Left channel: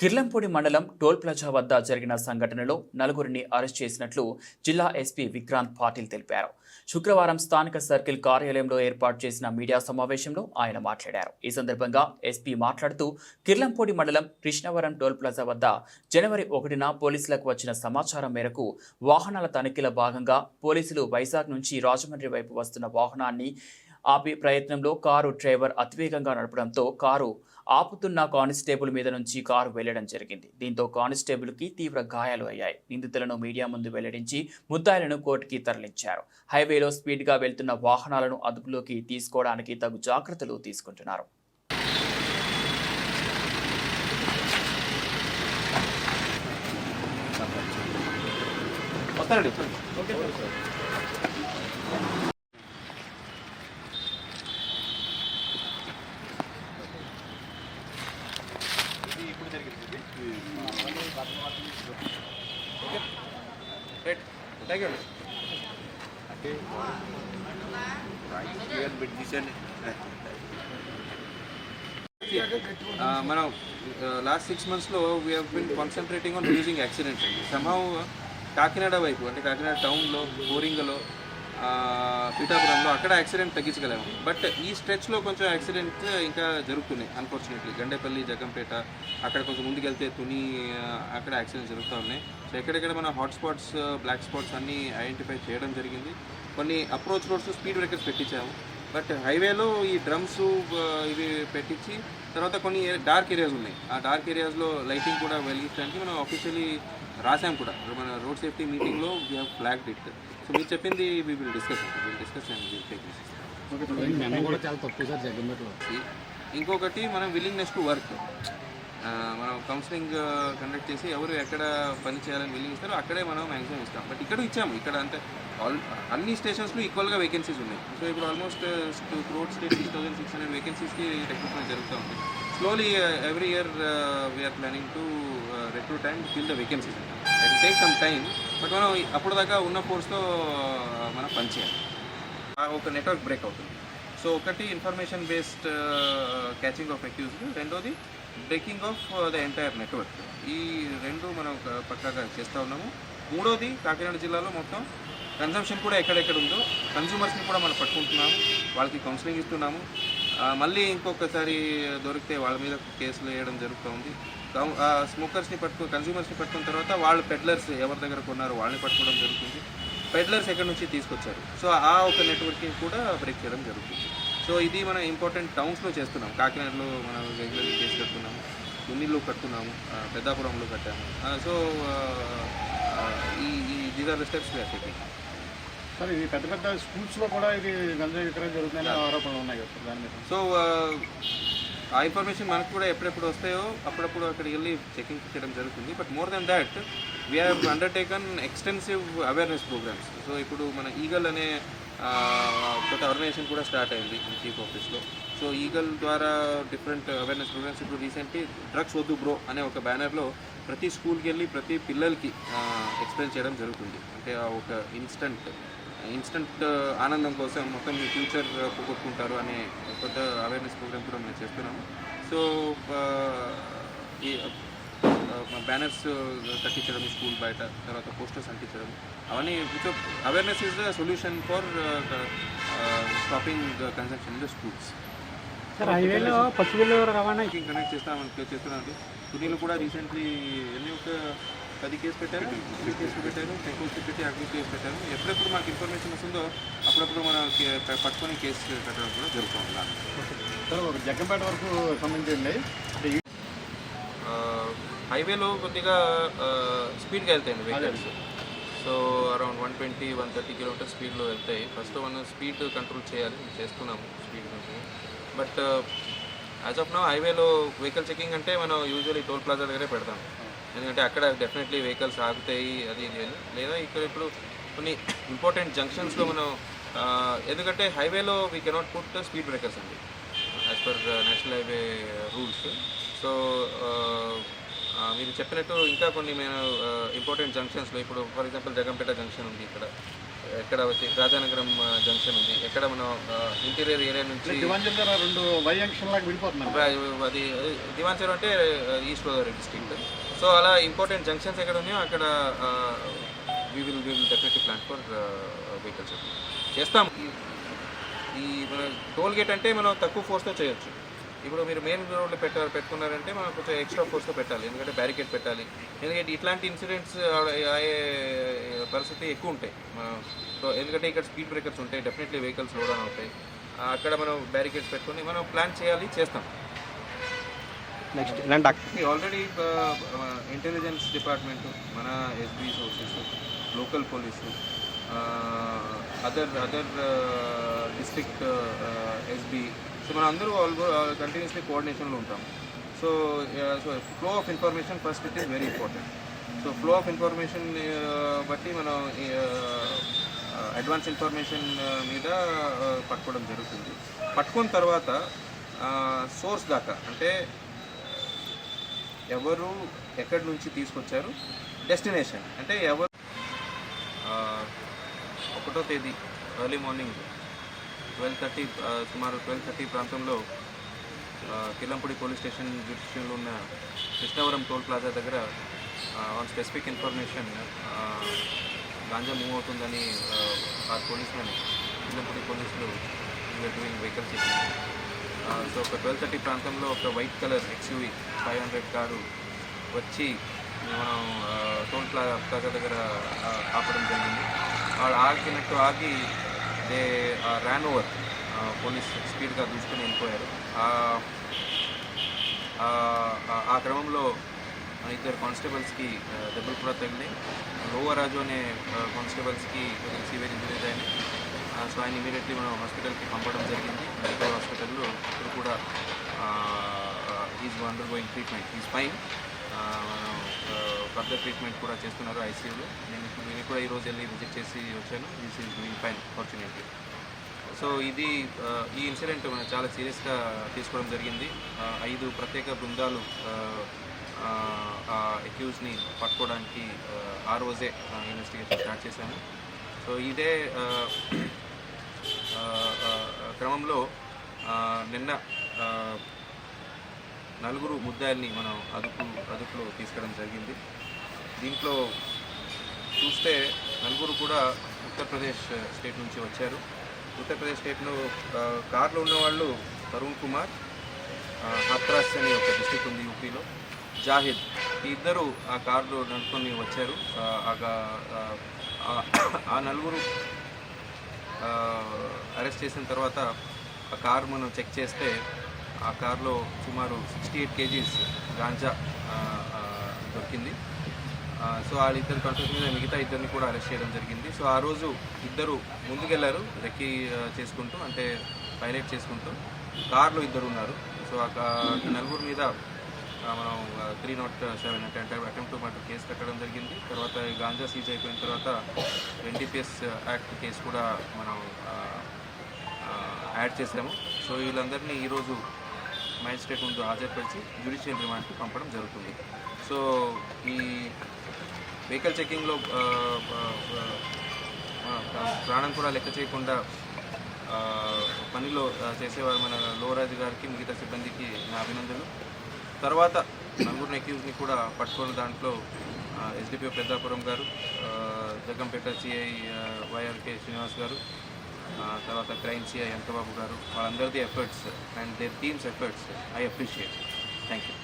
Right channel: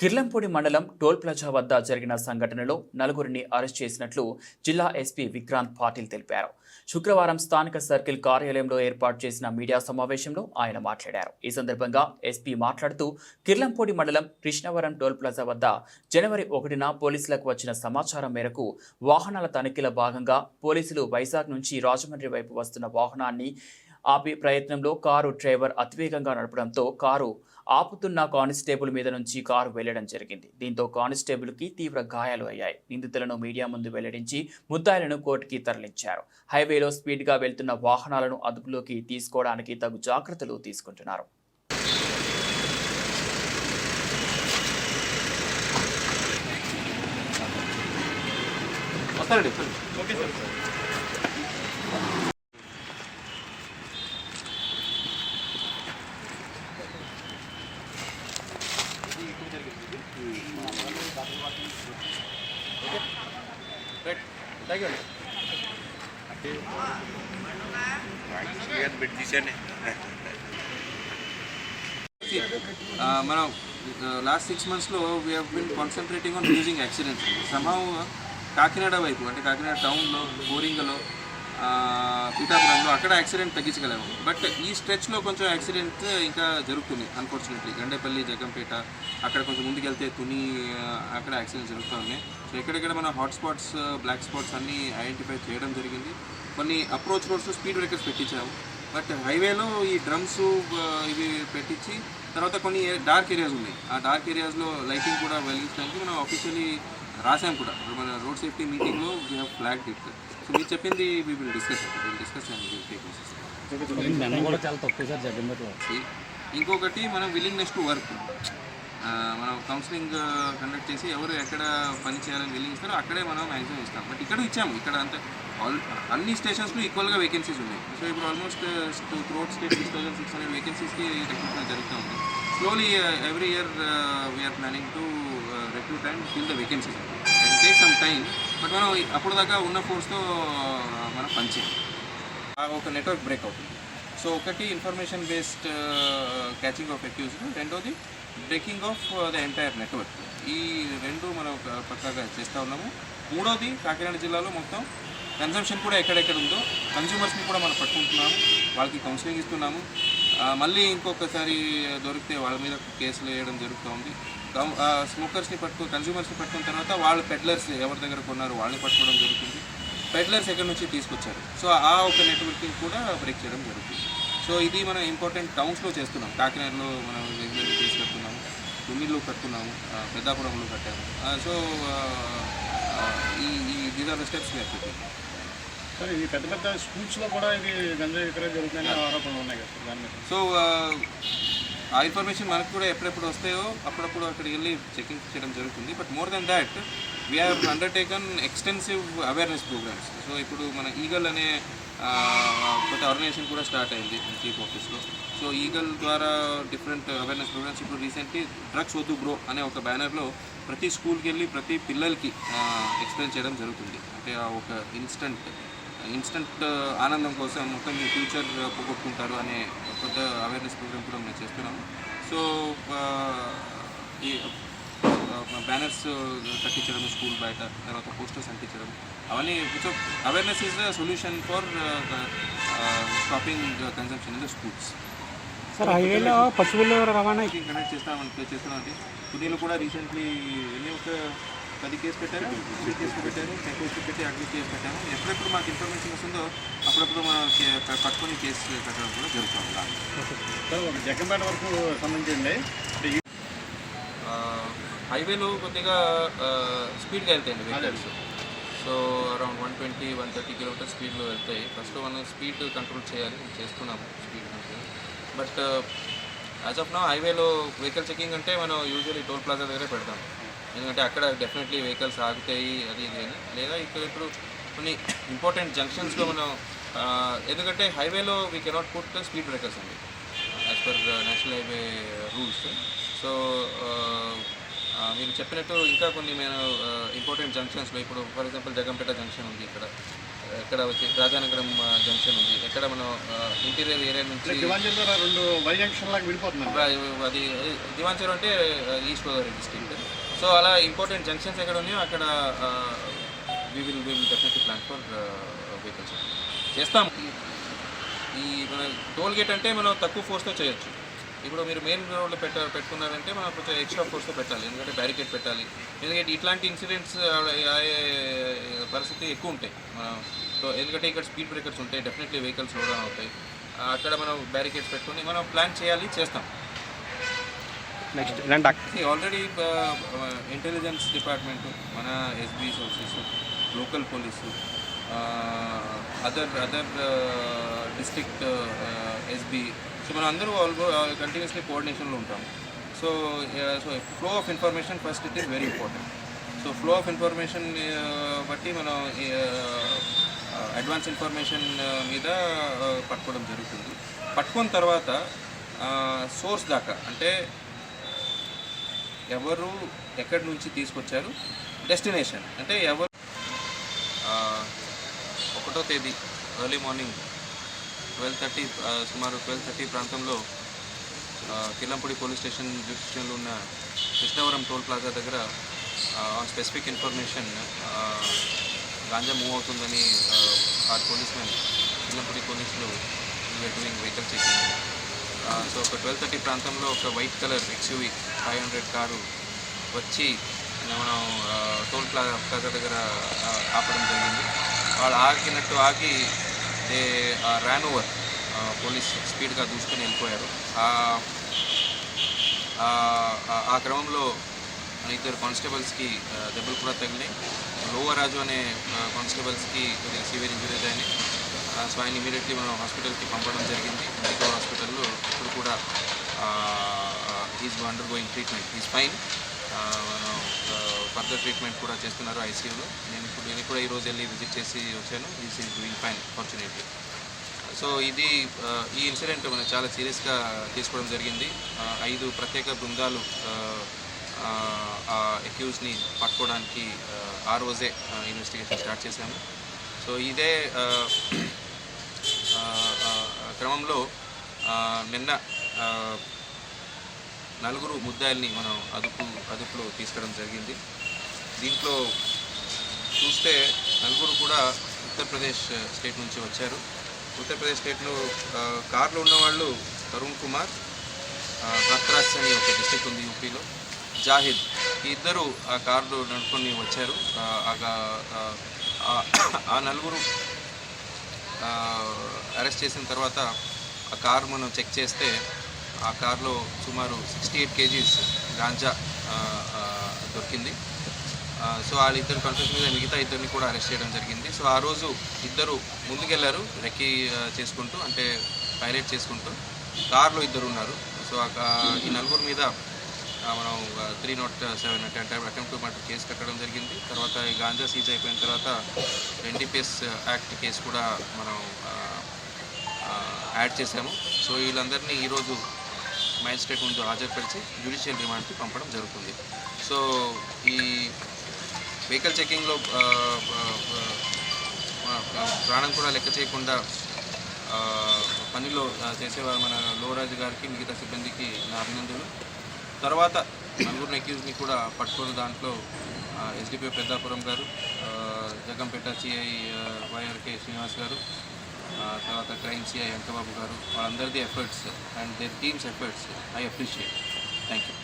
కిర్లంపూడి మండలం toll plaza వద్ద జరిగిన సంఘటనలో నలుగురిని అరెస్ట్ చేసినట్లు జిల్లా ఎస్పీ విక్రాంత్ పాటిల్ తెలిపారు. శుక్రవారం స్థానిక సర్కిల్ కార్యాలయంలో ఏర్పాటు చేసిన మీడియా సమావేశంలో ఆయన మాట్లాడారు. ఈ సందర్భంగా ఎస్పీ మాట్లాడుతూ కిర్లంపూడి మండలం కృష్ణవరం టోల్ ప్లాజా వద్ద జనవరి 1న పోలీసులకు వచ్చిన సమాచారం మేరకు వాహనాల తనిఖీల భాగంగా పోలీసులు వైజాగ్ నుంచి రాజమండ్రి వైపు వస్తున్న వాహనాన్ని ఆపే ప్రయత్నంలో కారు డ్రైవర్ అతివేగంగా నడపడంతో కారు ఆపుతున్న కానిస్టేబుల్ మీద నుంచి కారు వెళ్లడం జరిగింది. దీంతో కానిస్టేబుల్కి తీవ్ర గాయాలు అయ్యాయి. నిందితులను మీడియా ముందు వెల్లడించి ముద్దాయిలను కోర్టుకి తరలించారు. హైవేలో స్పీడ్గా వెళ్తున్న వాహనాలను అదుపులోకి తీసుకోవడానికి తగు జాగ్రత్తలు తీసుకుంటున్నారు. మనం లాస్ట్ 6 monthsలో we have been concentrating on reducing accidents. Somehow Kakinada వైపు అంటే కాకినాడ టౌన్లో, బోరింగలో, పీఠాపురంలో అక్కడ యాక్సిడెంట్ తగ్గించగలేము. బట్ ఈ స్ట్రెచ్లో కొంచెం యాక్సిడెంట్ ఇంకా జరుగుతున్నాయి అన్ఫార్చునేట్లీ. గండేపల్లి, జగంపేట అక్కడ కొంచెం ముందుకెళ్తే తుని అక్కడ యాక్సిడెంట్స్ జరుగుతూ ఉన్నాయి. సో ఎక్కడెక్కడ మన హాట్ స్పాట్స్, బ్లాక్ స్పాట్స్ అన్నీ ఐడెంటిఫై చేయడం జరిగింది. కొన్ని అప్రోచ్ రోడ్స్ స్పీడ్ బ్రేకర్స్ పెట్టించాము. బట్ హైవేలో ఈ డ్రమ్స్ ఇవి పెట్టించి తర్వాత కొన్ని డార్క్ ఏరియాస్ ఉన్నాయి. ఆ డార్క్ ఏరియాస్లో లైటింగ్ కూడా వెలిగించడానికి మనం ఆఫీషియలీ రాసాం కూడా. మన రోడ్ సేఫ్టీ మీటింగ్లో we have flagged it. So మీరు చెప్పింది వీ విల్ డిస్కస్ అండ్ ఇంకొకటి మనం విల్లింగ్నెస్ టు వర్క్. మనం కౌన్సిలింగ్ కండక్ట్ చేసి ఎవరు ఎక్కడ పని చేయాలని విల్లింగ్ ఇస్తారో అక్కడే మనం మ్యాక్సిమం ఇస్తాం. బట్ ఇక్కడ ఇచ్చాము. ఇక్కడ అంతే అన్ని స్టేషన్స్లో ఈక్వల్గా వేకెన్సీస్ ఉన్నాయి. సో ఇప్పుడు ఆల్మోస్ట్ త్రూఅవుట్ స్టేట్ 6,600 వేకెన్సీస్కి రిక్రూట్మెంట్ జరుగుతూ ఉంది. Slowly every year we are planning to recruit and fill the vacancies. It take some time. But మనం అప్పుడు దాకా ఉన్న ఫోర్స్తో మనం పనిచేయాలి. ఒక నెట్వర్క్ బ్రేక్ అవుతుంది. సో ఒకటి information based catching of accused, రెండోది breaking of the entire network. ఈ రెండు మనం పక్కాగా చేస్తూ ఉన్నాము. మూడోది కాకినాడ జిల్లాలో మొత్తం కన్సంప్షన్ కూడా ఎక్కడెక్కడ ఉందో కన్స్యూమర్స్ని కూడా మనం పట్టుకుంటున్నాము, వాళ్ళకి కౌన్సిలింగ్ ఇస్తున్నాము. మళ్ళీ ఇంకొకసారి దొరికితే వాళ్ళ మీద కేసులు వేయడం జరుగుతూ ఉంది. స్మోకర్స్ని కన్స్యూమర్స్ని పట్టుకున్న తర్వాత వాళ్ళు పెడ్లర్స్ ఎవరి దగ్గర కొన్నారో వాళ్ళని పట్టుకోవడం జరుగుతుంది. పెడ్లర్స్ ఎక్కడి నుంచి తీసుకొచ్చారు. సో ఆ ఒక నెట్వర్కింగ్ కూడా బ్రేక్ చేయడం జరుగుతుంది. సో ఇది మనం ఇంపార్టెంట్ టౌన్స్లో చేస్తున్నాం. కాకినాడలో మనం రెగ్యులర్లీ కేసు కడుతున్నాము, తుమ్మిలో కడుతున్నాము, పెద్దాపురంలో కట్టాము. So these are the steps we are taking. Sir ఈ పెద్ద పెద్ద స్కూల్స్లో కూడా ఇది గంజాయి విక్రయం జరుగుతుందని ఆరోపణలు ఉన్నాయి కదా సార్ దాని మీద. సో ఆ ఇన్ఫర్మేషన్ మనకు కూడా ఎప్పుడెప్పుడు వస్తాయో అప్పుడప్పుడు అక్కడికి వెళ్ళి చెకింగ్ చేయడం జరుగుతుంది. But more than that we have undertaken extensive awareness programs. So ఇప్పుడు మన ఈగల్ అనే కొత్త ఆర్గనైజేషన్ కూడా స్టార్ట్ అయింది చీఫ్ ఆఫీస్లో. సో ఈగల్ ద్వారా డిఫరెంట్ అవేర్నెస్ ప్రోగ్రామ్స్. ఇప్పుడు రీసెంట్లీ డ్రగ్స్ వద్దు బ్రో అనే ఒక బ్యానర్లో ప్రతి స్కూల్కి వెళ్ళి ప్రతి పిల్లలకి ఎక్స్ప్లెయిన్ చేయడం జరుగుతుంది. అంటే ఒక ఇన్స్టంట్ ఆనందం కోసం మొత్తం మీ ఫ్యూచర్ పోగొట్టుకుంటారు అనే కొత్త అవేర్నెస్ ప్రోగ్రామ్ కూడా మేము చేస్తున్నాము. సో ఈ బ్యానర్స్ కట్టించడం స్కూల్ బయట, తర్వాత పోస్టర్స్ అంటించడం, అవన్నీ. So awareness is the solution for stopping consumption in the schools. Sir హైవేలో పశువుల రవాణా కనెక్ట్ చేస్తున్నామండి. పుణేలో కూడా రీసెంట్లీ ఒక 10 కేసు పెట్టారు, 3 కేసులు పెట్టారు, చెక్పోస్ట్ పెట్టి అగ్ని కేసు పెట్టాము. ఎప్పుడెప్పుడు మాకు ఇన్ఫర్మేషన్ వస్తుందో అప్పుడప్పుడు మనం పట్టుకొని కేసు కట్టడం కూడా జరుగుతుంది. జగంపేట వరకు సంబంధించింది హైవేలో కొద్దిగా స్పీడ్గా వెళ్తాయండి వెహికల్స్. సో అరౌండ్ 120-130 కిలోమీటర్ స్పీడ్లో వెళ్తాయి. ఫస్ట్ మనం స్పీడ్ కంట్రోల్ చేయాలి, చేస్తున్నాము speed control. But as of now హైవేలో వెహికల్ చెకింగ్ అంటే మనం యూజువల్లీ టోల్ ప్లాజా దగ్గరే పెడతాం. ఎందుకంటే అక్కడ డెఫినెట్లీ వెహికల్స్ ఆగుతాయి, అది ఇది అని. లేదా ఇక్కడ ఇప్పుడు కొన్ని ఇంపార్టెంట్ జంక్షన్స్లో మనం ఎందుకంటే హైవేలో we cannot put speed breakers అండి as per national highway rules. So మీరు చెప్పినట్టు ఇంకా కొన్ని మేము ఇంపార్టెంట్ జంక్షన్స్లో ఇప్పుడు ఫర్ ఎగ్జాంపుల్ జగంపేట జంక్షన్ ఉంది, ఇక్కడ ఎక్కడ వచ్చి రాజానగరం జంక్షన్ ఉంది, ఎక్కడ మనం ఇంటీరియర్ ఏరియా నుంచి దివాంజల్ ద్వారా 2 వై జంక్షన్ లాగా విడిపోతున్నారు. అది దివాన్సర్ అంటే ఈస్ట్ గోదావరి డిస్ట్రిక్ట్. సో అలా ఇంపార్టెంట్ జంక్షన్స్ ఎక్కడ ఉన్నాయో అక్కడ we will definitely plan for vehicles చేస్తాం. ఈ మన టోల్ గేట్ అంటే మనం తక్కువ ఫోర్స్తో చేయొచ్చు. ఇప్పుడు మీరు మెయిన్ రోడ్లో పెట్టుకున్నారంటే మనం కొంచెం ఎక్స్ట్రా ఫోర్స్తో పెట్టాలి, ఎందుకంటే బ్యారికేడ్ పెట్టాలి. ఎందుకంటే ఇట్లాంటి ఇన్సిడెంట్స్ అయ్యే పరిస్థితి ఎక్కువ ఉంటాయి మనం. సో ఎందుకంటే ఇక్కడ స్పీడ్ బ్రేకర్స్ ఉంటాయి, డెఫినెట్లీ వెహికల్స్ స్లో డౌన్ అవుతాయి. అక్కడ మనం బ్యారికేడ్స్ పెట్టుకొని మనం ప్లాన్ చేయాలి, చేస్తాం. నెక్స్ట్ ఇలాంటి ఆల్రెడీ ఇంటెలిజెన్స్ డిపార్ట్మెంటు, మన SB sources, local police, other district SB, so మనం అందరూ కంటిన్యూస్లీ కోఆర్డినేషన్లో ఉంటాం. So flow of information first it is very important. So flow of information బట్టి మనం అడ్వాన్స్ ఇన్ఫర్మేషన్ మీద పట్టుకోవడం జరుగుతుంది. పట్టుకున్న తర్వాత సోర్స్ దాకా, అంటే ఎవరు ఎక్కడి నుంచి తీసుకొచ్చారు, డెస్టినేషన్ అంటే ఎవరు. 1వ తేదీ ఎర్లీ మార్నింగ్ 12:30 సుమారు 12:30 ప్రాంతంలో కిల్లంపూడి పోలీస్ స్టేషన్ జ్యూరిడిక్షన్లో ఉన్న కృష్ణవరం టోల్ ప్లాజా దగ్గర on specific information ganja move అవుతుందని ఆర్ పోలీస్ మెన్, కిల్లంపూడి పోలీసులు డూయింగ్ వెహికల్ చెకింగ్. సో ఒక 12:30 ప్రాంతంలో ఒక వైట్ కలర్ XUV 500 కారు వచ్చి మనం టోల్ ప్లాజా దగ్గర ఆపడం జరిగింది. వాళ్ళు ఆగినట్టు ఆగి దే ర్యాన్ ఓవర్, పోలీస్ స్పీడ్గా దూసుకొని వెళ్ళిపోయారు. ఆ క్రమంలో మన 2 కానిస్టేబుల్స్కి దెబ్బలు కూడా తగిలినాయి. లోవరాజు అనే కానిస్టేబుల్స్కి కొద్దిగా సివియర్ ఇంజరీస్ అయినాయి. సో ఆయన ఇమీడియట్లీ మనం హాస్పిటల్కి పంపడం జరిగింది. మెడికల్ హాస్పిటల్లో ఇప్పుడు కూడా is under going treatment, is fine. మనం ఫర్దర్ ట్రీట్మెంట్ కూడా చేస్తున్నారు ఐసీయూలో. నేను కూడా ఈరోజు వెళ్ళి విజిట్ చేసి వచ్చాను. Is doing fine fortunately. So ఇది ఈ ఇన్సిడెంట్ మనం చాలా సీరియస్గా తీసుకోవడం జరిగింది. 5 ప్రత్యేక బృందాలు అక్యూజ్ని పట్టుకోవడానికి ఆ రోజే ఇన్వెస్టిగేషన్ స్టార్ట్ చేశాము. సో ఇదే క్రమంలో నిన్న 4 ముద్దాయిల్ని మనం అదుపులో తీసుకోవడం జరిగింది. దీంట్లో చూస్తే 4 కూడా ఉత్తరప్రదేశ్ స్టేట్ నుంచి వచ్చారు. ఉత్తరప్రదేశ్ స్టేట్లో కార్లో ఉన్నవాళ్ళు తరుణ్ కుమార్, హాత్రాస్ అని ఒక డిస్ట్రిక్ట్ ఉంది యూపీలో, జాహిద్, ఈ 2 ఆ కార్లో నడుపుకొని వచ్చారు. ఆ 4 అరెస్ట్ చేసిన తర్వాత ఆ కారు మనం చెక్ చేస్తే ఆ కార్లో సుమారు 68 kgs గాంజా దొరికింది. సో వాళ్ళిద్దరు కన్ఫెషన్ మీద మిగతా 2ని కూడా అరెస్ట్ చేయడం జరిగింది. సో ఆ రోజు 2 ముందుకెళ్లారు రెక్కీ చేసుకుంటూ, అంటే పైలట్ చేసుకుంటూ. కార్లో 2 ఉన్నారు. సో ఈ 4 మీద మనం 307 అంటే అటెంప్ట్ టు మర్డర్ కేసు కట్టడం జరిగింది. తర్వాత ఈ గాంజా సీజ్ అయిపోయిన తర్వాత NDPS యాక్ట్ కేసు కూడా మనం యాడ్ చేశాము. సో వీళ్ళందరినీ ఈరోజు మ్యాజిస్ట్రేట్ ముందు హాజరుపరిచి జ్యుడిషియల్ రిమాండ్కి పంపడం జరుగుతుంది. సో ఈ వెహికల్ చెకింగ్లో ప్రాణం కూడా లెక్క చేయకుండా పనిలో చేసేవారు మన లోవరాజు గారికి, మిగతా సిబ్బందికి నా అభినందనలు. తర్వాత 4 అక్యూజ్ని కూడా పట్టుకున్న దాంట్లో SDPO పెద్దాపురం గారు, జగ్గంపేట CI YRK శ్రీనివాస్ గారు, తర్వాత క్రైమ్ CI అంకబాబు గారు, వాళ్ళందరిది efforts and their teams efforts I appreciate. Thank you.